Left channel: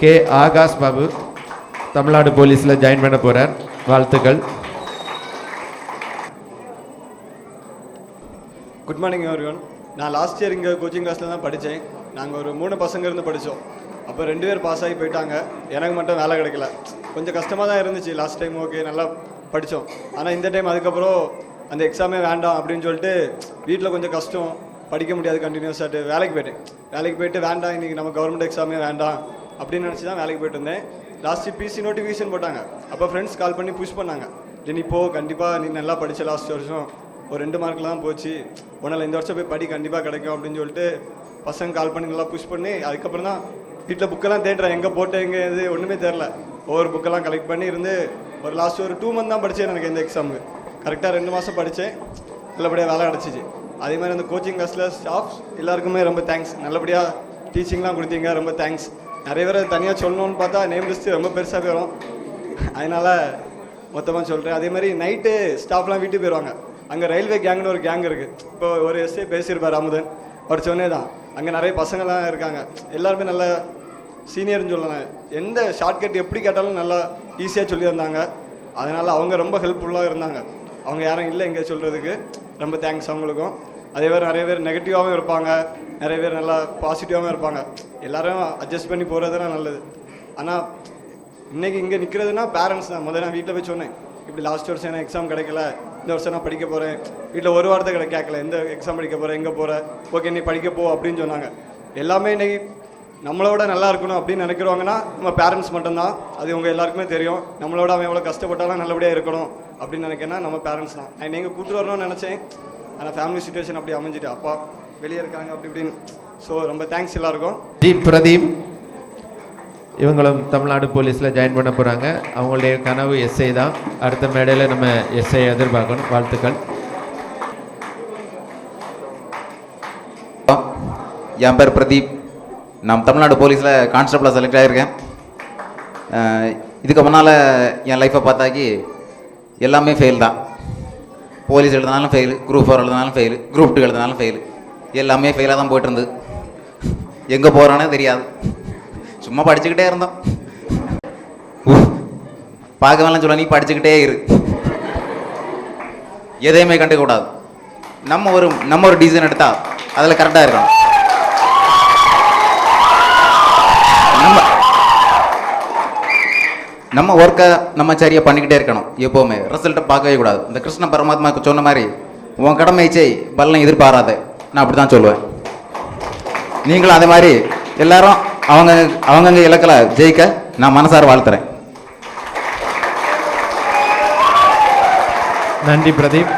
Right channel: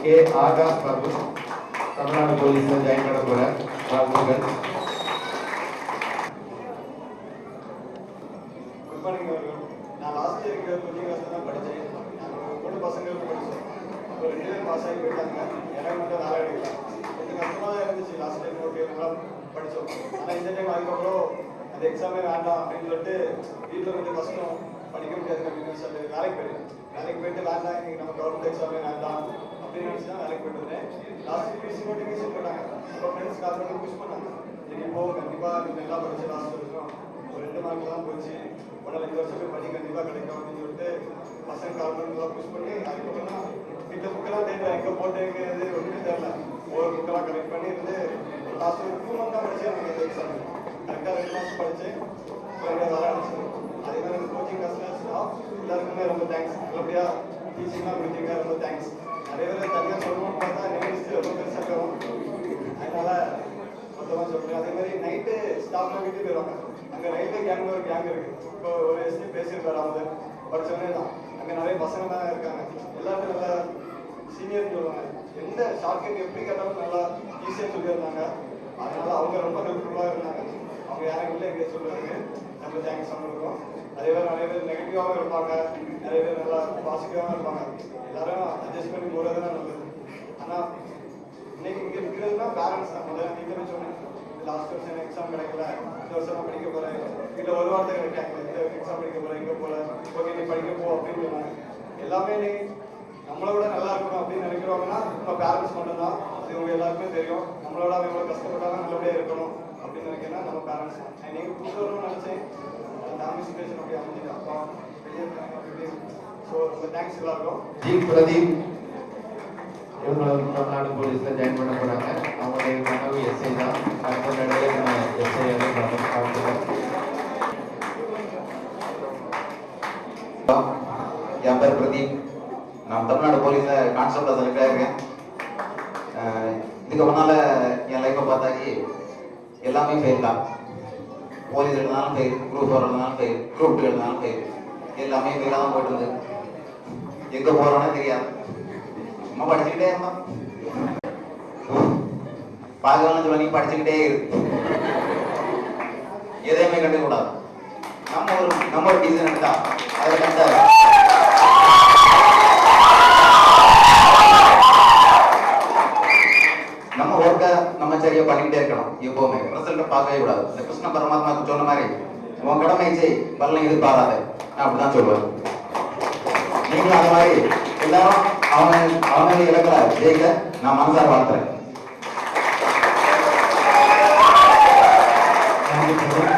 K Akash Babu Tamil Nadu போலீஸில் join பண்ண போகிறார் வாழ்த்துக்கள். குட் மார்னிங் அவர்கள் நான் லாஸ்ட் இயர் இங்கே கோச்சிங் கிளாஸில் தான் படித்தேன் நாங்கள் ஒரு மூணு பசங்க இருந்து படித்தோம் அப்போ ரெண்டு பேர் பாஸ் ஆகி போயிட்டாங்க. எனக்கு மட்டும் வேலை கிடைக்கல. கொஞ்சம் கஷ்டமாக தான் இருந்துச்சு. லாஸ்ட் டைம் ஓகே நல்லா படித்தோம் ஆனால் இந்த டைம் அதுக்கப்புறம் அந்த எக்ஸாமே வேண்டாம் அப்படின்னு சொல்லிட்டு வீட்டில் கொஞ்சம் கஷ்டம். படிக்க முடியாது கண்டினியூஸாக வேலைக்கு போயிட்டேன் வேலைக்கு போயிட்டு வேண்டாம் இன்றைக்கி நம்ம கவர்மெண்ட் எக்ஸாமே வேண்டாம் அப்படின்னு நினச்சி தான் வேலைக்கு போயிட்டு இருந்தேன் லாஸ்ட் பிசி நோட்டிஃபிகேஷன் போட்டாங்க. அப்போ ஃப்ரெண்ட்ஸ் கால் பண்ணி புஷ் பண்ணாங்க. நீ போ கண்டிப்பாக நீ நல்லா படித்த லாஸ்ட் வருஷம். ஒரு ரெண்டு மார்க்லாம் போச்சு. உன்னால் இந்த வருஷம் போய் படி கண்டிப்பாக கிடைக்கும் அப்படின்னு சொல்லிட்டு பசங்க கால் பண்ணி நல்லா புஷ் பண்ணி அதுக்கப்புறம் தான் வீட்டில் புக்கெல்லாம் தேடுறேன் எங்கே போட்டு எங்கே இது ஒன்றுமே தெரில ஒவ்வொரு புக்கெல்லாம் கலெக்ட் பண்ணி இருந்து ஒரு லாஸ்ட் ஒரு டூ மந்த் தான் படித்தேன் எனக்கு இந்த எக்ஸாமுக்கு கரெக்டாக ரெண்டு மாதம் படித்தேன் நல்லபடியாக வேலை கிடச்சிச்சு அதே மாதிரி அந்த கோச்சிங் கிளாஸில் ஸ்டாஃப் எல்லாருக்குமே ரொம்ப தேங்க்ஸ் நல்லபடியாக டீச்சிங்லாம் கொடுத்தீங்க ரொம்ப தேங்க்ஸ் நிறைய பேர் தனியாக சொல்லணும்னு பார்த்தா நேம் லிஸ்ட்டு ரொம்ப பெருசாக போயிடும் அதனால் மொத்தமாக சொல்கிறேன் அதே மாதிரி நைட்டு ஸ்டாஃப்லாம் வீட்டுக்கு போயிடுவாங்க அங்கே ரயில்வே கேங்னு ஒரு கேங் இருக்குது இப்போ ஒரு எஸ்ஏ பேசியிருப்பார் அமுதன் படித்தவொடனே தான். அங்கே நிறைய பசங்கள்லாம் இருக்காங்க. எல்லாருமே நல்லா சீனியர்னு சொல்லலாம். எந்த ஷார்ட்கட் எப்படி கேட்டாலும் நல்லா ஈஸியாக சொல்லியிருந்தாங்க. அதனால் அவங்க ரொம்ப ஹெல்ப்ஃபுல்லாக இருந்தாங்க. அவங்க யாரும் இல்லை எங்கே சொல்கிறதுக்கு ரொம்ப தேங்க்ஸ் அவங்களுக்கும். அதே மாதிரி நிறைய பேர் நெகட்டிவாகவும் இருப்பாங்க. நிறைய பேர் நல்லா பாசிட்டிவாகவும் இருப்பாங்க. எல்லாரும் அட்ஜஸ்ட் பண்ணி போகிறது தான் நல்லது. ஆனால் இன்னைக்கு இங்கே நிற்கிறதுனா பேரண்ட்ஸ் தான். முதல்ல நான் வீட்டில் போய் சொன்னேன். இப்படி லாஸ்ட் வருஷம் எனக்கு எக்ஸாம் கிடைக்கல. இந்த வருஷம் நான் படிக்க போகிறேன் வீட்டில் ஒரு வாரத்தை கிடை கேட்கல. எந்த எக்ஸாம் படிக்க போகிறேன் எங்கே போகிற ஓகே நீ படிக்க போ அப்படின்னு சொன்னாங்க. எல்லாமே இன்னைக்கு நம்மளோட நல்லா இருக்கணும் அப்படின்னு நினைக்கிறவங்கன்னா நம்ம பேரண்ட்ஸ் மட்டும்தான். அது உங்கள் எல்லாருக்குமே தெரியும். நம்மளோட அவன் எவ்வளோ கஷ்டப்பட்டாலும் நல்லபடியாக இருக்கணும் அப்படின்னு நினைக்கிறேன்னா நம்ம பேரண்ட்ஸ் தான். நான் நீங்கள் கூட்டு வரணும்னு நினச்சேன். ஆனால் ஃபேமிலி சுச்சுவேஷன் அப்படி அமைஞ்சிட்டு அப்பா வெளியே இருக்காங்க அப்படி இப்படின்னு. ஸோ ரொம்ப தேங்க்ஸ் எல்லாருக்கும். டி பிரதீப். இவங்களும் தமிழ்நாடு போலீஸில் ஜாயின் பண்ண போகிறாங்க அவங்களுடைய கனவு எஸ்ஐ தான். அடுத்த மேடையில் நம்ம எஸ்ஐ எதிர்பார்க்கணும். வாழ்த்துக்கள். என் பேர் பிரதீப். நான் தமிழ்நாடு போலீஸில் கான்ஸ்டபிளாக செலக்ட் ஆகியிருக்கேன் இதுக்கு முன்னால் என் லைஃப்பை பார்த்தாக்கி எல்லாமே ஃபெயில் தான். போலீஸ் எழுதினாலும் ஃபெயில் குரூப் ஃபோர் எழுதினாலும் ஃபெயில் குரூப் டூ எழுதினாலும் ஃபெயில் எல்லாமே ஃபெயிலாக தான் போயிட்டு இருந்தது எங்கே போகிறோன்னே தெரியாது. சும்மா படிச்சுக்கிட்டே இருந்தோம். உஃப். பார்க்கவேலாம் சொல்ல நீ படிச்சுக்கிட்டே இரு. எதையுமே கண்டுக்கூடாது நம்ம ஒரு நம்ம ஒரு டிசிஷன் எடுத்தா அதில் கரெக்டாக இருக்கும். நம்ம ஒர்க்கை நம்ம சரியாக பண்ணிக்கிட்டே இருக்கணும் எப்போவுமே. ரிசல்ட்டை பார்க்கவே கூடாது. இந்த கிருஷ்ண பரமாத்மாவுக்கு சொன்ன மாதிரி உன் கடமை செய் பலனை எதிர்பாராத. நான் அப்படி தான் சொல்லுவேன். நீங்களும் அதே மாதிரி எல்லாரும் அவங்க அவங்கவுங்க இலக்கில் ஜெயிக்க நான் மனசார வாழ்த்துறேன். நன்றி பிரதீப்.